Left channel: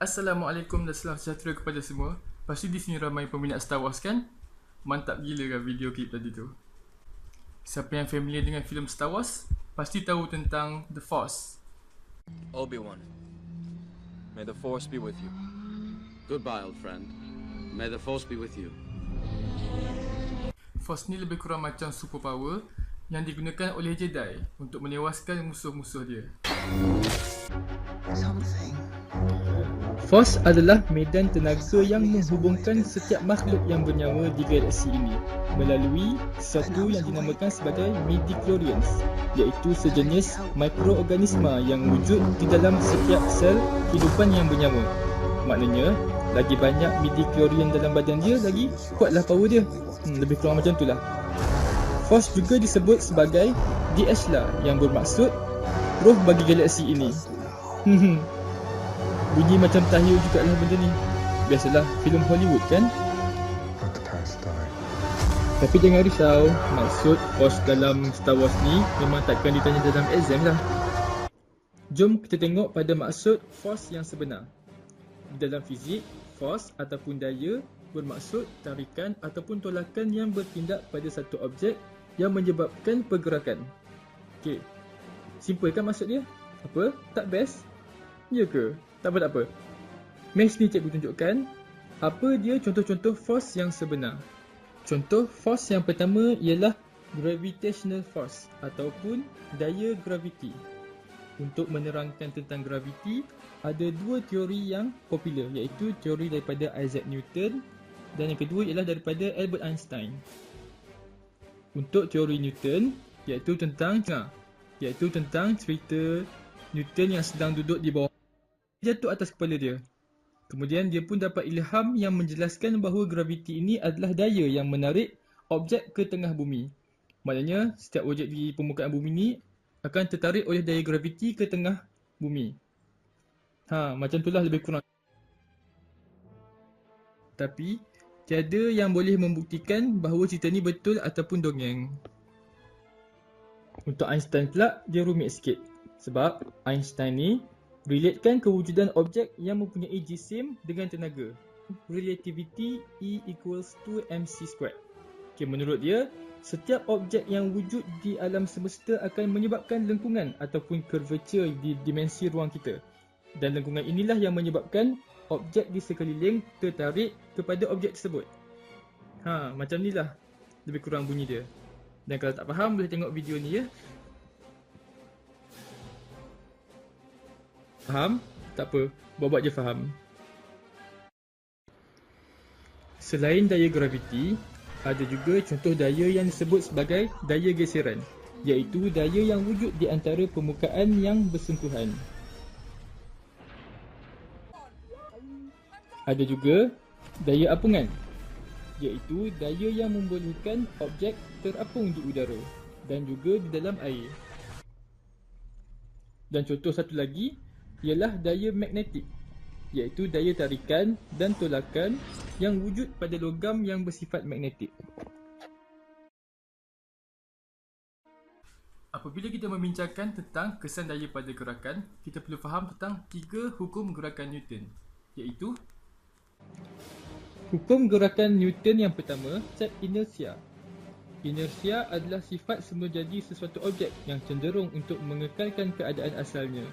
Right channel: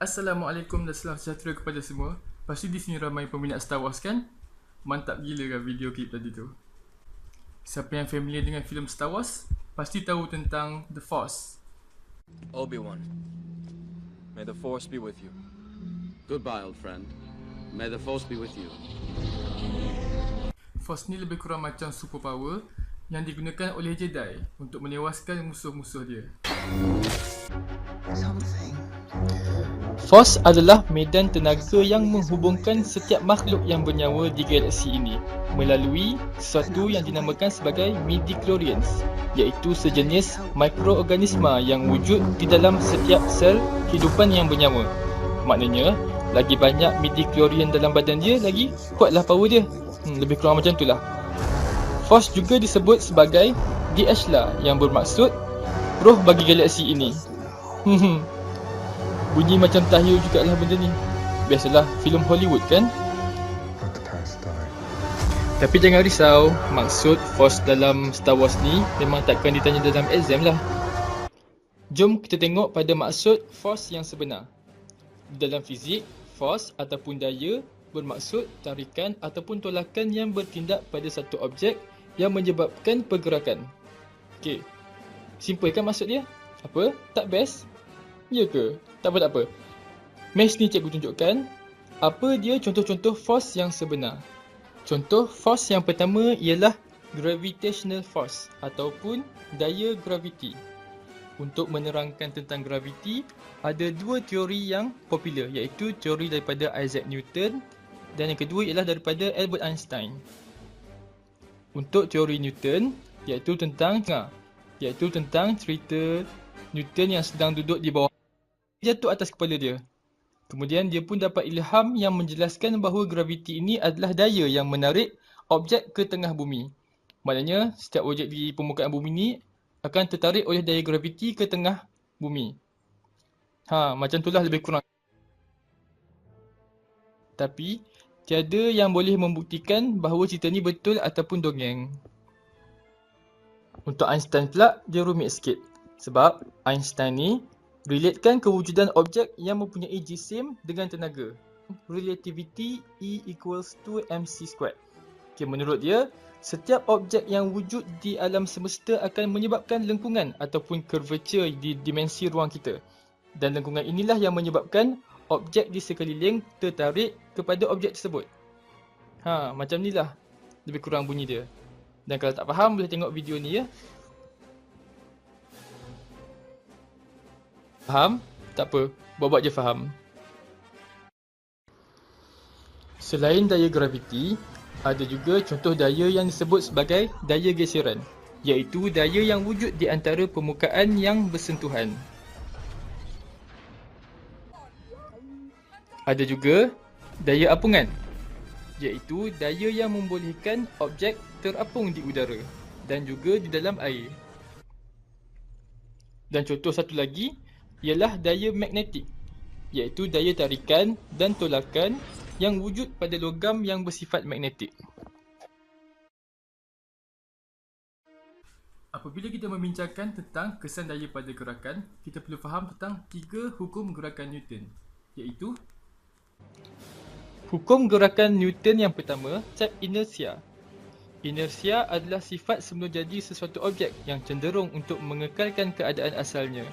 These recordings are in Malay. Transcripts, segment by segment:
Assalamualaikum dan salam sejahtera kepada semua. Pasti di sini ramai peminat Star Wars kan? Mantap gila kan video klip tadi tu. Siapa yang familiar dengan filem Star Wars pasti tahu tentang The Force. Obi-Wan, may the Force be with you. Goodbye, old friend. May the Force be with you. Force ni lebih kurang macam superpower yang digunakan oleh Jedi untuk menewaskan musuh-musuh dia. Force adalah medan tenaga yang menghubungkan setiap makhluk yang bernyawa di galaksi ini melalui sesuatu yang dinamakan sebagai midi-chlorians, iaitu sejenis mikroorganisma yang wujud di dalam setiap sel kehidupan yang bernyawa. Maknanya, lagi banyak midi-chlorian dalam badan dia, lagi kuatlah power dia. Lebih kurang macam itulah. Force juga disebut sebagai The Ashla yang bermaksud roh bagi galaksi ini. Bunyi macam tahyul jugalah benda ni. Biasalah filem Hollywood kan? Tapi jangan risau, maksud Force dalam Star Wars ni memang takkan ditanya dalam exam lah. Jom kita tengok pada maksud Force yang sebenar. Dalam fizik, Force ataupun daya bermaksud tarikan ataupun tolakan yang bertindak pada satu objek yang menyebabkan pergerakan. Okey, simple kan maksud dia? Apa? Tak best? Ya ke? Tak apa. Mesh ni cikgu tunjukkan apa dia contoh-contoh force yang sebenar. Contoh force yang pertama ialah gravitational force ataupun daya graviti. Untuk menerangkan tentang graviti, ada dua teori yang popular, iaitu teori daripada Isaac Newton dan yang kedua ialah daripada Albert Einstein. Untuk teori Newton, iaitu tentang cerita Newton yang sedang duduk di bawah, jatuh atas kepala dia. Kemudian dia pun dapat ilham yang menjelaskan bahawa graviti ini adalah daya yang menarik objek ke tengah bumi. Maknanya setiap objek di permukaan bumi ni akan tertarik oleh daya graviti ke tengah bumi. Macam itulah lebih kurang. Tapi tiada yang boleh membuktikan bahawa cerita ni betul ataupun dongeng. Untuk Einstein pula dia rumit sikit. Sebab Einstein ni relatekan kewujudan objek yang mempunyai jisim dengan tenaga. Relativity E equals to mc². Okay, menurut dia, setiap objek yang wujud di alam semesta akan menyebabkan lengkungan ataupun curvature di dimensi ruang kita. Dan lengkungan inilah yang menyebabkan objek di sekeliling tertarik kepada objek tersebut. Macam ni lah lebih kurang bunyi dia. Dan kalau tak faham boleh tengok video ni ya. Faham? Tak apa, buat-buat je faham. Selain daya graviti, ada juga contoh daya yang disebut sebagai daya geseran, iaitu daya yang wujud di antara permukaan yang bersentuhan. Ada juga daya apungan, iaitu daya yang membolehkan objek terapung di udara dan juga di dalam air. Dan contoh satu lagi ialah daya magnetik, iaitu daya tarikan dan tolakan yang wujud pada logam yang bersifat magnetik. Apabila kita membincangkan tentang kesan daya pada gerakan, kita perlu faham tentang 3 hukum gerakan Newton, iaitu hukum gerakan Newton yang pertama, cap inersia. Inersia adalah sifat semula jadi sesuatu objek yang cenderung untuk mengekalkan keadaan asalnya.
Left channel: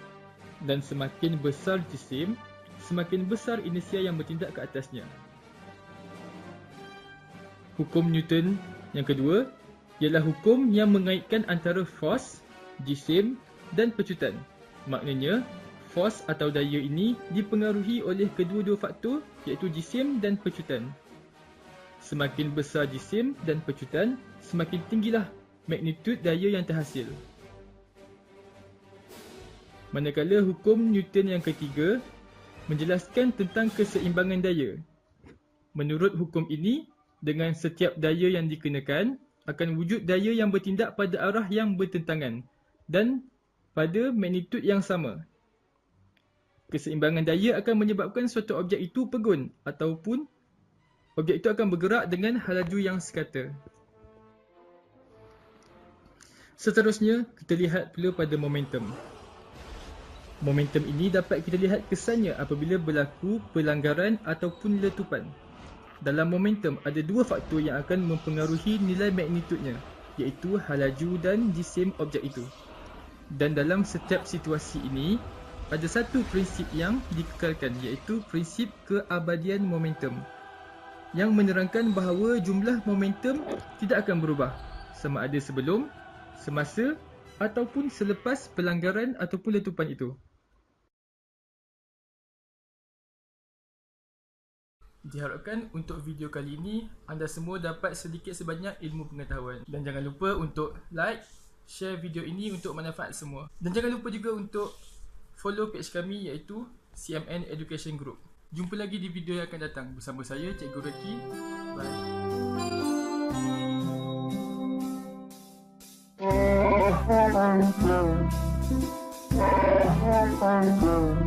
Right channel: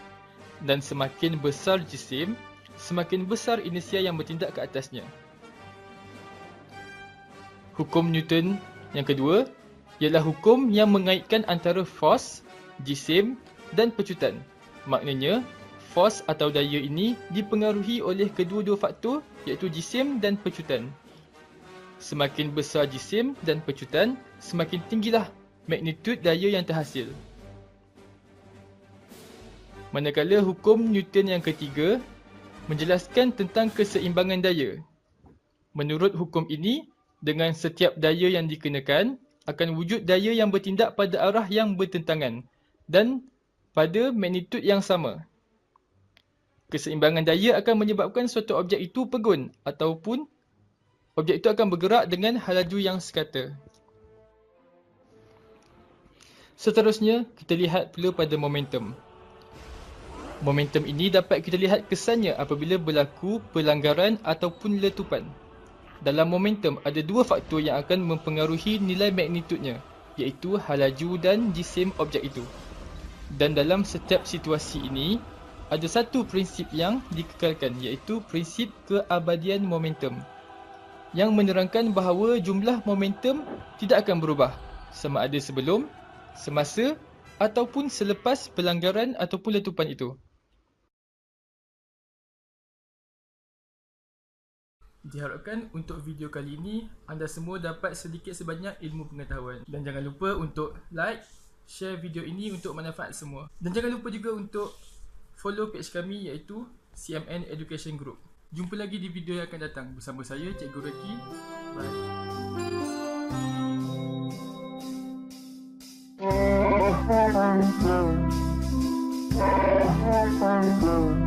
Dan semakin besar jisim, semakin besar inersia yang bertindak ke atasnya. Hukum Newton yang kedua ialah hukum yang mengaitkan antara force, jisim dan pecutan. Maknanya, force atau daya ini dipengaruhi oleh kedua-dua faktor, iaitu jisim dan pecutan. Semakin besar jisim dan pecutan, semakin tinggilah magnitud daya yang terhasil. Manakala hukum Newton yang ketiga menjelaskan tentang keseimbangan daya. Menurut hukum ini, dengan setiap daya yang dikenakan, akan wujud daya yang bertindak pada arah yang bertentangan dan pada magnitud yang sama. Keseimbangan daya akan menyebabkan suatu objek itu pegun ataupun objek itu akan bergerak dengan halaju yang sekata. Seterusnya, kita lihat pula pada momentum. Momentum ini dapat kita lihat kesannya apabila berlaku pelanggaran ataupun letupan. Dalam momentum, ada dua faktor yang akan mempengaruhi nilai magnitudnya, iaitu halaju dan jisim objek itu. Dan dalam setiap situasi ini, ada satu prinsip yang dikekalkan, iaitu prinsip keabadian momentum, yang menerangkan bahawa jumlah momentum tidak akan berubah sama ada sebelum, semasa ataupun selepas pelanggaran ataupun letupan itu. Diharapkan untuk video kali ini anda semua dapat sedikit sebanyak ilmu pengetahuan. Dan jangan lupa untuk like, share video ini untuk manfaat semua. Dan jangan lupa juga untuk follow page kami iaitu CMN Education Group. Jumpa lagi di video yang akan datang bersama saya, Cikgu Reki. Bye.